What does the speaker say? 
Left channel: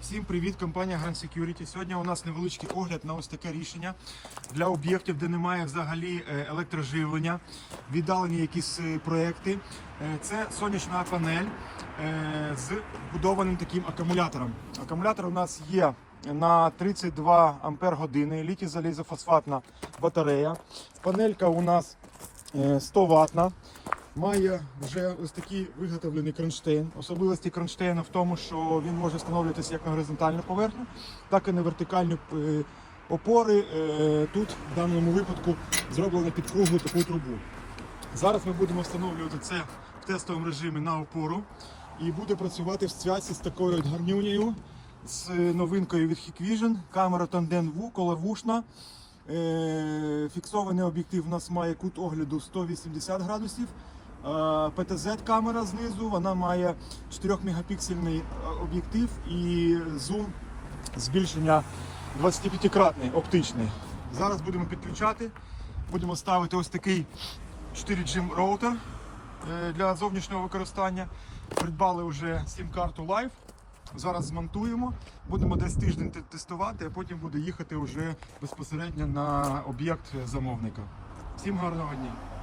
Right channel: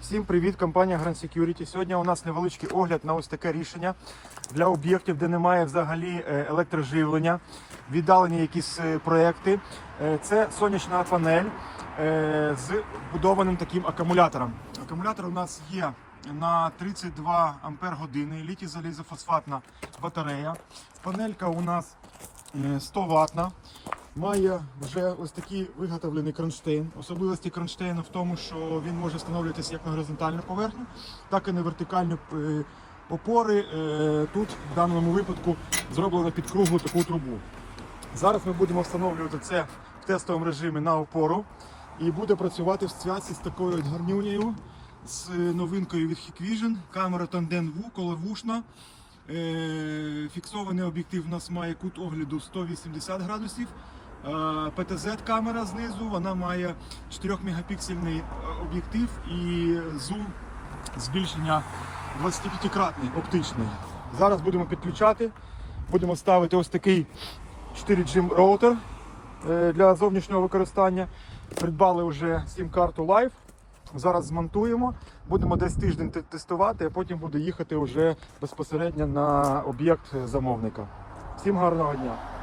Всім привіт, компанія Grand Security. Сьогодні у нас невеличкий огляд на ось таке рішення для об'єктів, де немає взагалі е, електроживлення, віддалені якісь е, проекти. Е, Це сонячна панель з вбудованим таким акумулятором. Акумулятор у нас є на 32 ампер години, літій залізофосфатна батарея. Панелька у нас е, 100 ватна. Має вже ось такий виготовлений кронштейн. Особливості кронштейну в тому, що він може встановлюватися як на горизонтальну поверхню, так і на вертикальні е, опори. Е, Тут в даному випадку зроблено під круглу таку трубу. Зараз ми будемо встановлювати це в тестовому режимі на опору і буде працювати в зв'язці з такою гарнюнею, з новинкою від Hikvision, камера Tandem V, коловушна. Е, Фіксований об'єктив у нас має кут огляду 180 градусів. ПТЗ-камера знизу, вона має 4 мегапіксельний е, об'єктив і зум збільшення 25-кратний оптичний. Зараз будемо підключати, будемо ставити ось такий 4G роутер е, для зовнішнього використання. Придбали вже сім-карту Live. Зараз змонтуємо, будемо десь тиждень тестувати, а потім буде їхати вже безпосередньо на об'єкт замовника. Всім гарного дня!